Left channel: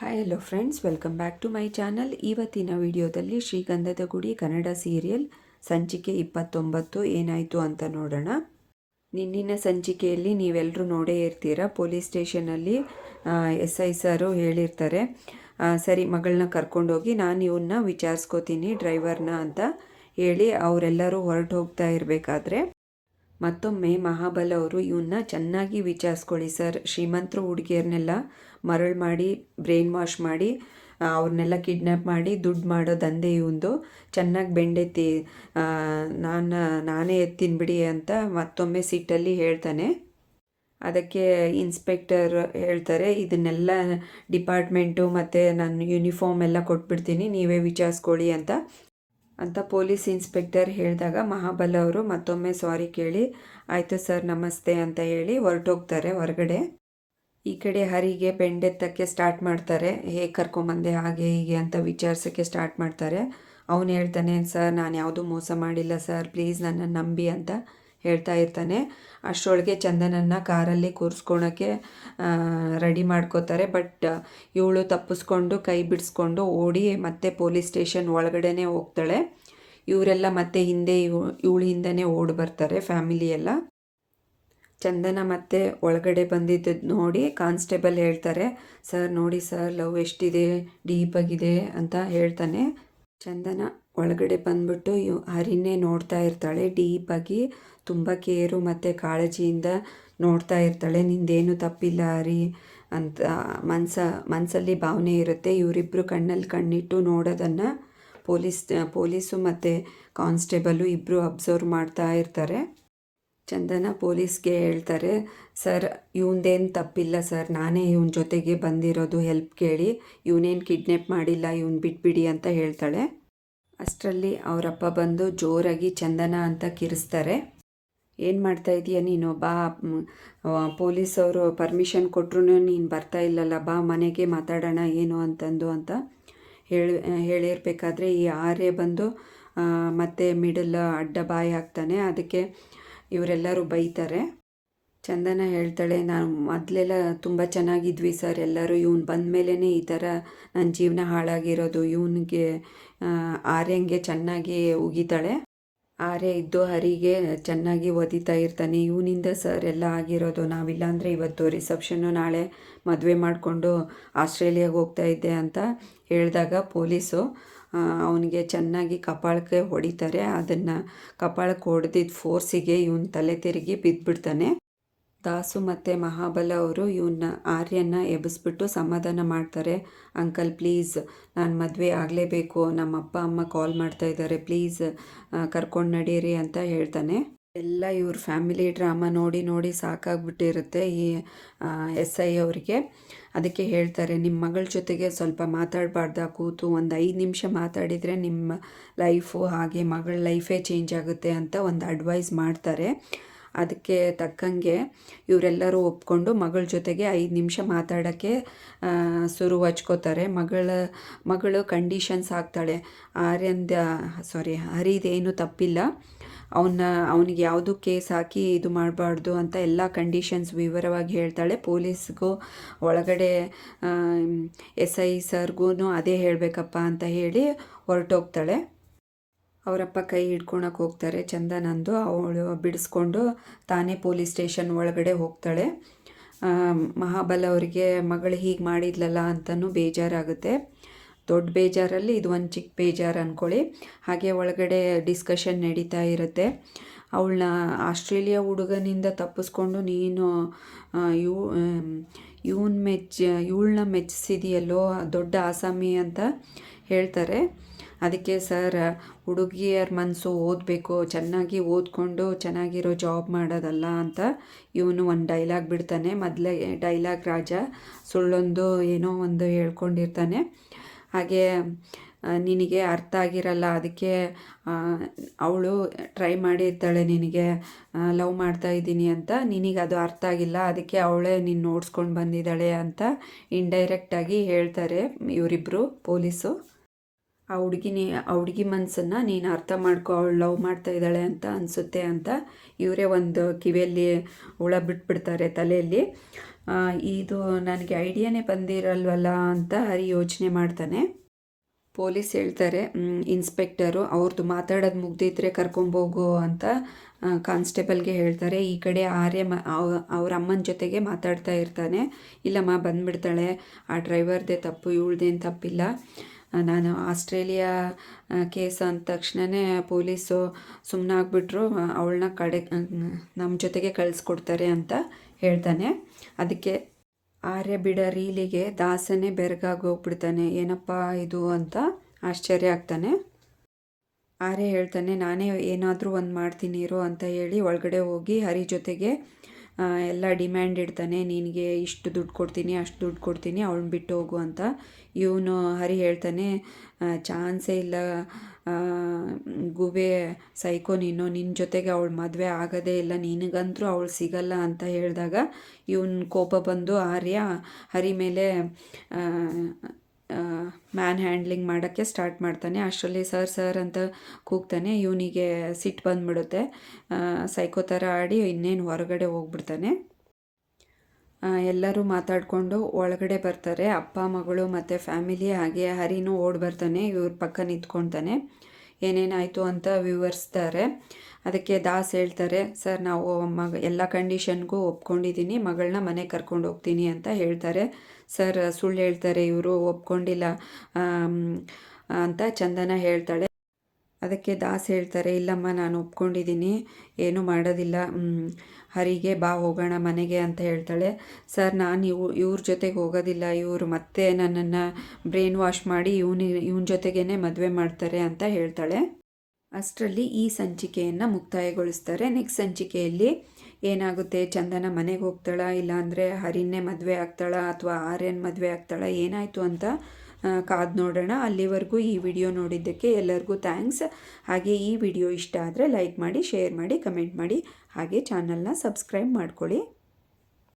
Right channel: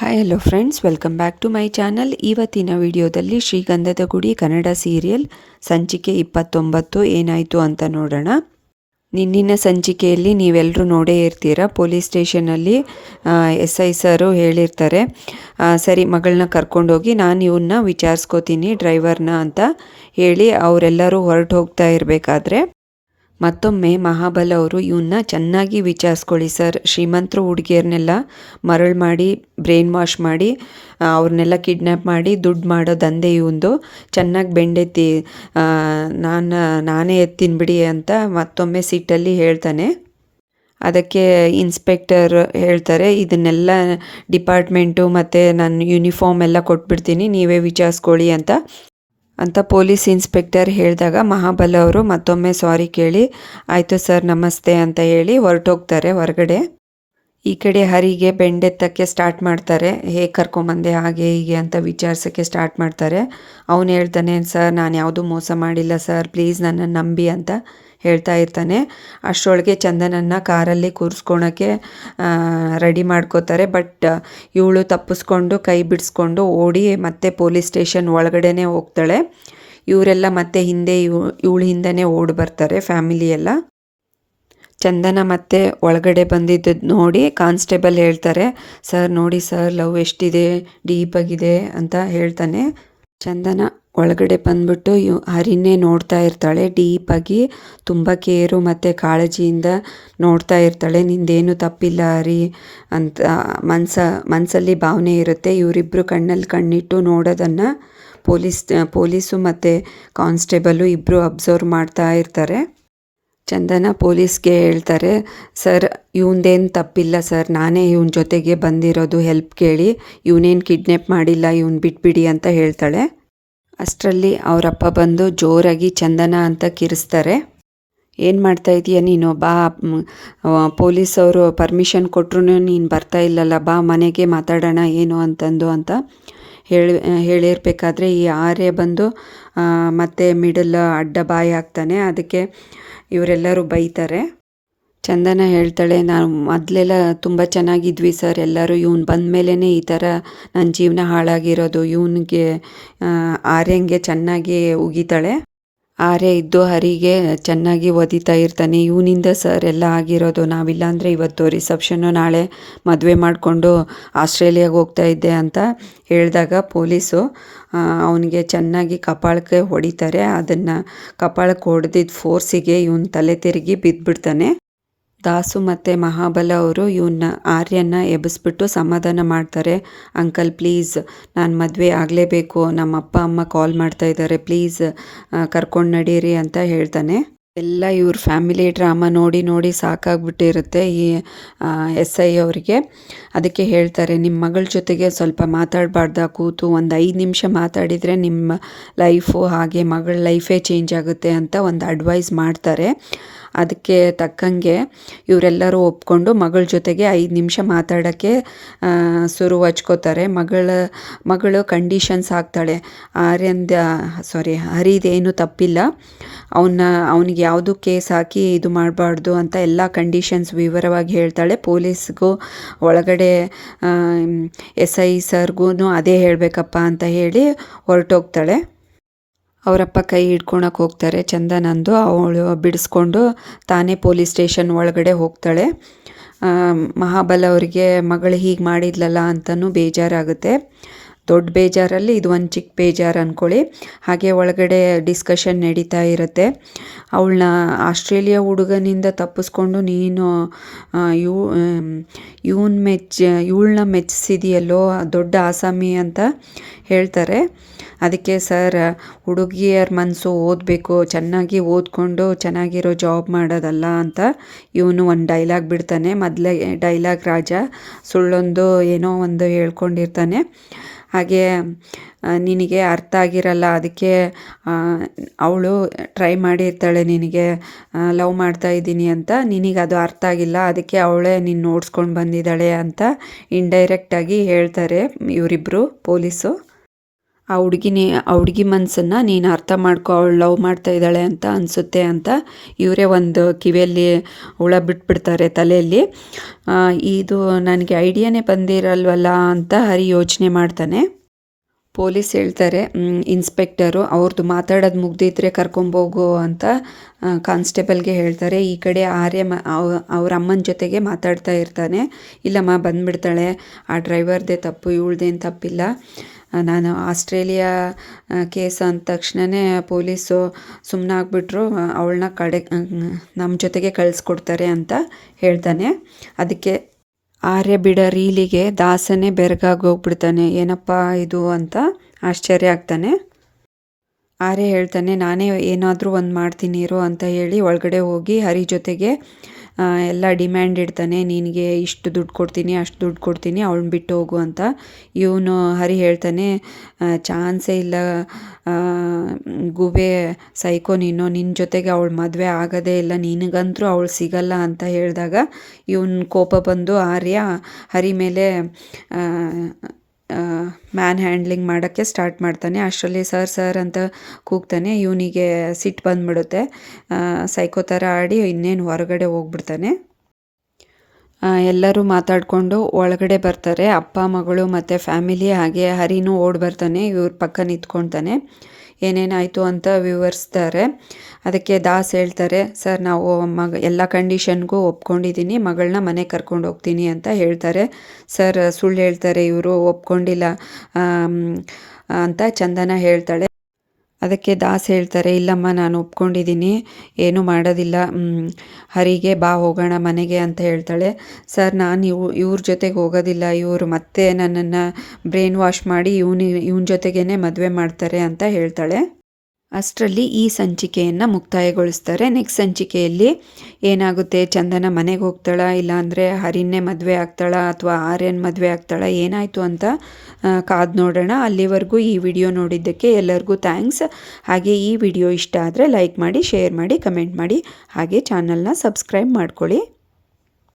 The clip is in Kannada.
Hi hello friends welcome back to my channel ಇವತ್ತಿನ ವಿಡಿಯೋದಲ್ಲಿ ಶ್ರೀಗಂಧದ ಗುಡಿ ಕನ್ನಡ ಸೀರಿಯಲ್ ಸಂಚಿಕೆ ಇಪ್ಪತ್ತೊಂಬತ್ತು ಏನಾಯಿತು ಅಂತ ನೋಡೋಣ. ನಿನ್ನಿನ ಸಂಚಿಕೆಯಲ್ಲಿ ನೀವೆಲ್ಲರೂ ನೋಡೇ ಇರ್ತೀರ? ಪೊಲೀಸ್ ಸ್ಟೇಷನಲ್ಲಿ ಎಸ್ ಐ ಸರು ಹೇಳಿರ್ತಾರೆ ಸರಿ, ಮಗಳನ್ನ ಕರ್ಕೊಂಡೋಗಿ ನಾನು ಇವನ್ನ ವಿಚಾರಿಸ್ಕೋತೀನಿ, ಡ್ರೈವರ್ನ ಅಂತ ಹೇಳಿ ಅವರೆಲ್ಲರೂ ಹೊರಟು ಹೋಗ್ತಾ ಇರಬೇಕಾದ್ರೆ ಮತ್ತೊಮ್ಮೆ ಮಹಾಬಲ ಅವರು ಇವನ್ನ ಚೆನ್ನಾಗಿ ವಿಚಾರಿಸ್ಕೊಳ್ಳಿ ಸರ್. ಶ್ರೀಮಂತರು ಹುಡುಗಿಯರನ್ನೆಲ್ಲ ಮರಳು ಮಾಡಿ, ಬ್ರೈನ್ ವಾಶ್ ಮಾಡಿ ಅವ್ರನ್ನೆಲ್ಲ ಕಿಡ್ನ್ಯಾಪ್ ಮಾಡಿ ದುಡ್ಡು ಮಾಡೋ ದಂಧೆ ಇವಂದು ಚೆನ್ನಾಗಿ ಬೆಂಡೆತ್ತಿ ನಾನು, ನಾನೇ ಎತ್ತಿನ್ಬಿಡಿ ಅಂತ ಮತ್ತೊಮ್ಮೆ ಸಿಟ್ಟಲ್ಲಿ ಹೇಳ್ತಾನೆ. ಅದಕ್ಕೆ ಇನ್ಸ್ಪೆಕ್ಟರ್ ಹೇಳ್ತಾರೆ, ಇದನ್ನೆಲ್ಲ ಡಿಪಾರ್ಟ್ಮೆಂಟು ಮತ್ತು ನಾನು ಯೂನಿಫಾರ್ಮ್ ಎಲ್ಲ ಕೊಟ್ಬಿಡ್ತೀನಿ, ನೀವೇ ವಿಚಾರಿಸ್ಕೊಳ್ಳಿ ಅಂತ. ಅಂತ ಪೊಲೀಸ್ ಇನ್ಸ್ಪೆಕ್ಟರ್ ಹೇಳಿದಾಗ ಮಹಾಬಲ ಅವರು ಮತ್ತೊಮ್ಮೆ ಸಾರಿ ಕೇಳಿ, ಆಯಿತು ಸರ್, ನಮಸ್ತೆ ಅಂತ ಹೇಳಿ ಹೊರಟೋಗ್ತಾರೆ ಹೊರಗಡೆ. ಈ ಕಡೆ ಹರಿಗೆ ಬೆಂಡೆತ್ತಕ್ಕೆ ಸ್ಟಾರ್ಟ್ ಮಾಡ್ತಾರೆ. ಹೇಗೆ ಕರ್ಕೊಂಬಂದೆ ಹಾಗೆ ಹೀಗೆ ಅಂತ ವಿಚಾರಿಸೋಕ್ಕೆ ಸ್ಟಾರ್ಟ್ ಮಾಡ್ತಾರೆ. ಅವನು ಹೇಳ್ತಾನೆ, ಸರ್, ನಾನು ಯಾವುದೂ ಮೋಸ ಮಾಡಿಲ್ಲ, ಸರ್, ಪ್ಲೀಸ್ ನನ್ನನ್ನು ನಂಬಿ ಅಂತ. ಹೇಳ್ತಾ ಇರ್ತಾನೆ. ಅಷ್ಟರೊಳಗೆ ಚಂದನನ್ನು ಕಾರಲ್ಲಿ ಕೂರಿಸ್ಕೊಳಕ್ಕೆ ರೆಡಿ ಮಾಡ್ಕೋತಾರೆ. ಬಟ್ ಇವಳು ತಪ್ಪಿಸ್ಕೊಂಡು, ಕೈ ಬಿಡಿಸ್ಕೊಂಡು ಓಡಿ ಮತ್ತೆ ಪೊಲೀಸ್ ಸ್ಟೇಷನ್ ಒಳಗಡೆನೇ ಹೋಗ್ತಾಳೆ. ಇವರೆಲ್ಲ ಮತ್ತೆ ಹಿಂದೆ ಇವ್, ಇವಳು ಹಿಂದೆನೇ ಓಡಿ ಬರ್ತಾರೆ ಫ್ಯಾಮಿಲಿ ಎಲ್ಲ. ಚಂದನ ಮತ್ತೆ ಒಳಗಡೆ ಬಂದಿದ್ದು ನೋಡಿ ಕಾನ್ಸ್ಟೇಬಲ್ ಹೇಳ್ತಾರೆ. ಸರ್, ನೋಡಿ ಸರ್, ಲವ್ ಎಷ್ಟಿದೆ, ಡೀಪಾಗಿದೆ ಅಂತ ಹೇಳ್ತಾನೆ. ಚಂದನ ಒಳಗಡೆ ಬಂದ್ಬಿಟ್ಟು ಇವ್ ಹರಿನೇ ನೋಡ್ತಾ ಇರ್ತಾಳೆ. ಡೀಪಾಗಿ ತುಂಬ ಕೇರು ಮತ್ತು ಕಾಳಜಿಯಿಂದ ನೋಡ್ತಾ ಇರ್ತಾಳೆ. ನಿಂದೇನು ತಪ್ಪಿಲ್ಲ ಹರಿ ಅಂತ ಮನ್ಸ ಮನಸ್ಸಲ್ಲಿ ಭಾವನೆ ಇರುತ್ತೆ. ಇವರಿಬ್ಬರು ಕಣ್ಣಲ್ಲಿ ಕಣ್ಣಿಟ್ಟು ನೋಡೋದನ್ನು ಪೊಲೀಸ್, ಪೊಲೀಸು ಮತ್ತು ಕಾನ್ಸ್ಟೇಬಲು ಇಬ್ಬರು ಅಬ್ಸರ್ವ್ ಮಾಡ್ತಾ ಇರ್ತಾರೆ. ಚಂದನ ಪೊಲೀಸ್ಗೆ ಹೇಳ್ತಾರೆ, ಸರ್, ಇವನ್ದೇನು ತಪ್ಪಿಲ್ಲ ಸರ್. ನಾನೇ ಇವನ ಜೊತೆಗೆ ಬಂದಿರೋದು. ಹೆಲ್ಪ್ ಕೇಳಿ. ಇವನೇನು ಕಿಡ್ನ್ಯಾಪ್ ಮಾಡಿಲ್ಲ. ಇವನು ಬಿಟ್ಬಿಡಿ ಅಂತ ಹೇಳ್ತಾಳೆ. ಅಷ್ಟರಲ್ಲಿ ಅವರಪ್ಪ ಬಂದು ಜೋರಾಗಿ ಚಂದನ ಅಂತ ಕಿರಿಸ್ತಾರೆ. ಏನು ಮಾಡ್ತಾ ಇದೀಯ ನೀನು? ಬಾ ಪೊಲೀಸ್ ಅವರು ಪರ್ಮಿಷನ್ ಕೊಟ್ಟರು ನೀನು ಬರ್ತಾ ಇಲ್ಲಲ್ಲ, ಬಾ ಮನೆಗೆ ಮಾತಾಡೋಣ ಏನು ಅಂತಂದು ಅಂತ ಹೇಳಿ, ಹೇಳಿರ್ಬೇಕಾದ್ರೆ ಈ ಆರ್ಯ ಬಂದು ಮತ್ತೆ ಮಿಡಲ್ ಅಡ್ಡ ಬಾಯಿ ಹಾಕ್ತಾನೆ ಅದಕ್ಕೆ ಇವರೆಲ್ಲರೂ ಬೈತಾರೆ. ಚಂದನ ಹೇಳ್ತಾಳೆ, ನಾನು ಮೊದಲೆಲ್ಲ ತುಂಬ ಚೆನ್ನಾಗಿದ್ವಿ ಸರ್. ಎಲ್ಲರೂ ಇವ್ನು ಬಂದ ಮೇಲೇ ಈ ಥರ ನನ್ನ ಜೀವನ ಹಾಳಾಗಿರೋದು. ಇವನಿಗೆ ಆರ್ಯಂಗೆ ಚೆನ್ನಾಗಿ ಉಗಿತಾಳೆ. ಆರ್ಯ ಇದ್ದು ಹರಿಗೆ ಚೆನ್ನಾಗಿ ಒದಿತಾ ಇರ್ತಾನೆ. ಇವನಿಂದ ಸರ್ ಎಲ್ಲ ಆಗಿರೋದು. ನಾವಿಲ್ಲ ಅಂದರೆ ಇವತ್ತು ರಿಸೆಪ್ಷನ್ನು ನಾಳೆ ಮದುವೆ ಮಾಡಿಕೊಂಡು ಆಸ್ಟ್ರೇಲಿಯಾಗೆ ಹೋಗ್ತಾ ಇದ್ದೆ ಅಂತ ಹೇಳಿದಾಗ ಪೊಲೀಸು ಅವನಿಗೆ ಚೆನ್ನಾಗಿ ಕಪಾಳಕ್ಕೆ ಹೊಡಿತಾರೆ. ಅದನ್ನು ಕಪಾಳಕ್ಕೆ ಹೊಡೆದಿದ್ದ ಫೋರ್ಸಿಗೆ ಇವನು ತಲೆ ತಿರುಗಿ ಬಿದ್ದುಬಿಡ್ತಾನೆ ದಾಸು ಮತ್ತು ಮಹಾಬಲ ಅವರು ಇವನ್ನ ಆರ್ಯನ ಎಬ್ಬಿಸ್ಬಿಟ್ಟು ಸಮಾಧಾನ ಮಾಡ್ತಾರೆ. ಅಂಕಲ್, ಪ್ಲೀಸ್, ನಾನು ಮದುವೆ ಆಗಲೇಬೇಕು. ನಮ್ಮ ಅಪ್ಪ ಅಮ್ಮ ಕಾಲ್ ಮಾಡ್ತಾ ಇದ್ದಾರೆ ಪ್ಲೀಸ್ ಕರ್ಕೊಂಡು ನಡೀರಿ ಅಂತ ಹೇಳ್ತಾನೆ. ಎಲ್ಲ ಇವ್ರ ಫ್ಯಾಮಿಲಿ ಡ್ರಾಮಾ ನೋಡಿ ನೋಡಿ ಸಾಕಾಗ್ಬಿಟ್ಟಿರುತ್ತೆ ಈ ಎಸ್ ಐ ಅವರಿಗೆ. ಅದಕ್ಕೆ ಹೇಳ್ತಾರೆ ನಿಮ್ಮ ಮಗಳ ಜೊತೆಗೆ ಸ್ವಲ್ಪ ಮಾತಾಡಬಾರ್ದ ಕೂತು? ಒಂದು ಐದು ನಿಮಿಷ ಮಾತಾಡಿದರೆ ನಿಮ್ಮ ಲೈಫು ಹಾಗೆ ಮಗಳ ಲೈಫೇ ಚೇಂಜ್ ಆಗುತ್ತೆ ಅಂತ ಒಂದು ಅಡ್ವೈಸ್ ಮಾಡ್ತಾರೆ. ಅದಕ್ಕೆ ತಕ್ಕಂಗೆ ಇವರೆಲ್ಲರೂ ಒಪ್ಕೊಂಡು ಮಗಳ ಜೊತೆಗೆ ಐದು ನಿಮಿಷ ಮಾತಾಡೋಕ್ಕೆ ಶುರು ಹಚ್ಕೋತಾರೆ ಮಗಳ, ಮಗಳು ಕಂಡೀಷನ್ಸ್ ಆಗ್ತಾಳೆ. ಆರ್ಯಂದ ಸಾರಿ ಹರಿದೇನು ತಪ್ಪಿಲ್ಲ. ಅವನ್ನ, ಅವನಿಗೆ ಯಾವುದು ಕೇಸ್ ಹಾಕಿ ಇದು ಮಾಡಬಾರ್ದು ಅಂತ ಎಲ್ಲ ಕಂಡೀಷನ್ಸ್ ವಿವರವಾಗಿ ಹೇಳ್ತಾಳೆ. ಪೊಲೀಸ್ಗೂ ಒಳಗಡೆ ಎಸ್ ಐ ಸರ್ಗೂ ಅದೇ ಹೇಳಬೇಕಪ್ಪ ಅಂತ ಹೇಳಿ ಹೊರಟೋಗ್ತಾಳೆ. ಅವರಪ್ಪ ಕೈ ಹಿಡ್ಕೊಳಕ್ಕೆ ಹೋಗ್ತಾರೆ. ಚಂದನಂದು ಅವಳು ಬಿಡಿಸ್ಕೊಂಡು ತಾನೇ ಪೊಲೀಸ್ ಸ್ಟೇಷನ್ ಒಳಗಡೆ ಹೋಗ್ತಾಳೆ. ಮಹಾಬಲ ಅವರಿಗೆ ಮಗಳು ಹೀಗೆ ಮಾಡಿದ್ಲಲ್ಲ ಅಂತಲೂ ಬೇಜಾರಾಗುತ್ತೆ. ದೊಡ್ಡ ಬೇಜಾರಲ್ಲಿ ಇದು ಒಂದು ಚಿಕ್ಕ ಬೇಜಾರು ಅಂದ್ಕೊಳ್ಳಿ ಹಾಗೆ ಒಳಗಡೆ ಡಿಸ್ಕಷನ್ ನಡೀತಾ ಇರುತ್ತೆ. ಅವಳನ್ನ ಆಸ್ಟ್ರೇಲಿಯಾ ಹುಡುಗನಿಂದ ತಪ್ಪಿಸ್ಕೊಂಡು ನೀನು ಇವ್ ಇವನ್ ಮೆಚ್ಚ ಇವಳನ್ನ ಮೆಚ್ಚಿಸಿದೆಯಲ್ಲೋ, ದೊಡ್ಡ ಆಸಾಮಿ ಅಂತ ಹೇಳ್ತಾರೆ. ಅದಕ್ಕೆ ಸರ್, ಹುಡುಗಿಯರ ಮನಸ್ಸು ಓದಬೇಕು, ಚೆನ್ನಾಗಿ ಓದ್ಕೊಂಡು ಚೆನ್ನಾಗಿರೋ ಜಾಬ್ ಮಾಡೋದಲ್ಲ ಅಂತ ಇವನು ಒಂದು ಡೈಲಾಗ್ ಬಿಡ್ತಾನೆ. ಮೊದಲೇ ಡೈಲಾಗ್ ರಾಜ ಸುಳ್ಳೊಂದು ಏನೋ ಒಂದು ಹೇಳ್ಕೊಂಡಿರ್ತಾನೆ. ಹಾಗೆ ನಿನಗೆ ಅರ್ಥ ಆಗಿರಲ್ಲ, ಅದಕ್ಕೆ ಅವಳು ಟ್ರೈ ಮಾಡಿರ್ತಾಳೆ ನಿನಗೆ ಲವ್ ಮಾಡ್ತಾ ಇದ್ದೀನಿ ಅಂತ. ನಿನಗೆ ಅದು ಅರ್ಥ ಆಗಿಲ್ಲ, ಅದಕ್ಕೆ ಅವಳೇ ನೀನು ನೋಡ್ಸ್ಕೊಂಡು ಬಂದಿದ್ದಾಳೆ ಅಂತ ಇಂಡೈರೆಕ್ಟಾಗಿ ಹೇಳ್ತಾರೆ ಇವರಿಬ್ಬರು ಪೊಲೀಸು. ಆ ಹುಡುಗಿನೇ, ಆ ಹುಡುಗಿ ಮನಸ್ಸನ್ನು ನೀನು ಅರ್ಥ ಮಾಡ್ಕೊ, ಅವಳು ಲವ್ ಮಾಡ್ತಾ ಇದ್ದಾಳೆ ಅಂತ ಅನಿಸುತ್ತೆ ಅಂತ ಇವರೇ ಒಂದು ಕಿವಿಯಲ್ಲಿ ಹುಳ ಬಿಟ್ಬಿಡ್ತಾರೆ ತಲೆಯಲ್ಲಿ. ಇದು ನನಗೆ ಐಡಿಯಾನೇ ಬಂದಿರಲ್ವಲ್ಲ ಅಂತ ಹರಿ ಯೋಚನೆ ಮಾಡ್ತಾನೆ. ಪೊಲೀಸ್ ಹೇಳ್ತಾರೆ ಇನ್ಸ್ಪೆಕ್ಟರು ಅವ್ರದ್ದು ಮಾತಾಡೋದು ಮುಗ್ದಿದ್ರೆ ಕರ್ಕೊಂಬೋಗು ಅಂತ ಕಾನ್ಸ್ಟೇಬಲ್ಗೆ ಹೇಳ್ತಾರೆ. ಈ ಕಡೆ ಆರ್ಯ ಮ ಅವ್ರ ಅಮ್ಮನ ಜೊತೆಗೆ ಮಾತಾಡ್ತಾ ಇರ್ತಾನೆ. ಇಲ್ಲಮ್ಮ, ಬಂದ್ಬಿಡ್ತಾಳೆ. ಆ ಡ್ರೈವರ್ದೇ ತಪ್ಪು, ಇವಳ್ದೇನು ತಪ್ಪಿಲ್ಲ. ನಾನು ಆಸ್ಟ್ರೇಲಿಯಾ ಕೇಸ್ ಅಂದ ತಕ್ಷಣವೇ ಪೊಲೀಸು ಸುಮ್ಮನೆ ಆಗಿಬಿಟ್ರು ಅವಳನ್ನ ಕಡೆ ನಮ್ಮ ಜೊತೆಗೆ ಕಳಿಸ್ಕೊಡ್ತಾರೆ ಅಂತ ಹೇಳ್ತಾನೆ. ಅದಕ್ಕೆ ಆರ್ಯ ಬಿಡ ರೀಲಿಗೆ ದಾಸನೇ ಬೆರಗಾಗಿ ಹೋಗ್ಬಿಡ್ತಾನೆ ಏನಪ್ಪ ಇದು ಅಂತ ಆಶ್ಚರ್ಯ ಆಗ್ತಾನೆ. ಆರ್ಯ ಹೇಳ್ತಾನೆ, ನಾನೇ ಏನಾದರೂ ಒಂದು ಮಾಡ್ತೀನಿ ಇರು ಅಂತ ಹೇಳಿ ಒಳಗಡೆ ಹೋಗಿ ಹರಿ ಜೊತೆಗೆ ಎಲ್ಲ ಡಿಮ್ಯಾಂಡ್ ಇಡ್ತಾನೆ, ನಿನಗೆ ಇಷ್ಟು ದುಡ್ಡು ಕೊಡ್ತೀನಿ, ಅಷ್ಟು ದುಡ್ಡು ಕೊಡ್ತೀನಿ ಅವಳನ್ನ ಬಿಟ್ಟು ಹೋಗು ಅಂತ ಇವನು ಹರಿ ಹೇಳ್ತಾನೆ. ಚಾನ್ಸೇ ಇಲ್ಲ. ಗುಬೆ ಸೈಕೋ ನೀನು ನಿನ್ನ ಜೊತೆಗೆ ಅವಳು ಮದುವೆ ಆಗೋದೇ ಇಲ್ಲ, ನಿನಗಂತರೂ ಅವಳು ಸಿಗಲ್ಲ ಅಂತ ಹೇಳಿದಾಗ ಇವನ ಕೋಪ ಬಂದು ಆರ್ಯ ಹರಿ ಮೇಲೆ ಮ್ಯಾನ್ ಹ್ಯಾಂಡ್ಲಿಂಗ್ ಮಾಡೋಕ್ಕೆ ಸ್ಟಾರ್ಟ್ ಮಾಡ್ತಾನೆ. ಅಷ್ಟರಲ್ಲಿ ಸರ್ ಸರ್ ಅಂತ ಕೂಗ್ತಾನೆ. ಇವನಿಗೆ ಸಿಟ್ಟು ಬಂದ್ಬಿಡುತ್ತೆ. ಸೈಕೋ ಥರ ಆಡಿ ಇನ್ನೇನು ಹೊರಗಡೆ ಹೋಗ್ಬಿಡ್ತಾನೆ. ಎಲ್ಲರೂ ಮಾತಾಡಿಕೊಂಡು ಒಳಗಡೆ ಬರ್ತಾರೆ. ಅಪ್ಪ, ಮಗಳು ಮತ್ತು ಫ್ಯಾಮಿಲಿ ಹಾಗೆ ಹರಿನೂ ಓಡಿ ಬರ್ತಾನೆ, ಇವ್ರ ಪಕ್ಕ ನಿಂತ್ಕೊಳ್ತಾನೆ. ಏನೇನಾಯಿತು ಅಂತ ವಿವರಿಸ್ತಾರೆ. ಅದಕ್ಕೆ ದಾಸ್ ಹೇಳ್ತಾರೆ, ಸರ್, ನಾವು ಮಗ, ಎಲ್ಲ ಕಂಡೀಷನ್ಗೂ ಒಪ್ಕೊಂಡಿದ್ದೀನಿ ಮಗಳನ್ನ ಮನೆಗೆ ಕರ್ಕೊಂಡು ಹೋಗ್ತೀನಿ ಅಂತ ಹೇಳ್ತಾರೆ. ಸರ್, ಸುಳ್ಳು ಹೇಳ್ತಾರೆ, ಇವರು ಒಪ್ಕೊಂಡಿಲ್ಲ ಅಂತ ಚಂದನ ಹೇಳ್ತಾಳೆ. ಅದಕ್ಕೆ ದಾಸ್ ಹೇಳ್ತಾರೆ, ಇಲ್ಲಮ್ಮ, ನಾನು ಒಪ್ಕೊಂಡಿದ್ದೀನಿ, ಏನೂ ಮಾಡೋದಿಲ್ಲ ಹರಿಗೆ ಬಾ, ಹೋಗೋಣ, ಮನೆಗೆ ಅಂತ ಹೇಳ್ತಾಳೆ. ಸರ್, ನಾನು ಇವು, ಇವ್ರ ಜೊತೆಗೆ ಹೋಗೋದಿಲ್ಲ, ಇವರು ಮತ್ತೆ ನನ್ನನ್ನು ಬ್ರೈನ್ ವಾಶ್ ಮಾಡಿ, ಇವನಿ, ಇವನ ಜೊತೆಗೇ ಮದುವೆ ಮಾಡ್ತಾರೆ ಅಂತ ಹೇಳ್ತಾಳೆ. ಅಷ್ಟರಲ್ಲಿ ಈ ಸಂಚಿಕೆಯನ್ನು ಮುಕ್ತಾಯಗೊಳಿಸ್ತಾರೆ. ನೆಕ್ಸ್ಟ್ ಸಂಚಿಕೆಯಲ್ಲಿ ಏನಾಗುತ್ತೆ? ಚಂದನ ಮನೆಗೆ ಹೋಗ್ತಾಳ ಇಲ್ಲಾಂದರೆ ಹರಿನ್ನೇ ಮದುವೆ ಆಗ್ತಾಳ ಅಥವಾ ಆರ್ಯನ್ ಮದುವೆ ಆಗ್ತಾಳ, ಏನಾಯಿತು ಅಂತ ಕಾದು ನೋಡೋಣ. ಅಲ್ಲಿವರೆಗೂ ಈ ವಿಡಿಯೋ ನೋಡಿದ್ದಕ್ಕೆ ಎಲ್ಲರಿಗೂ ಥ್ಯಾಂಕ್ಸ್. ಹಾಗೆ ಈ ವಿಡಿಯೋ ಇಷ್ಟ ಆದರೆ ಲೈಕ್ ಮಾಡಿ, ಶೇರ್ ಮಾಡಿ, ಕಮೆಂಟ್ ಮಾಡಿ. ಹಾಗೆ ಚಾನಲ್ನ ಸಬ್ಸ್ಕ್ರೈಬ್ ಮಾಡ್ಕೊಳ್ಳಿ.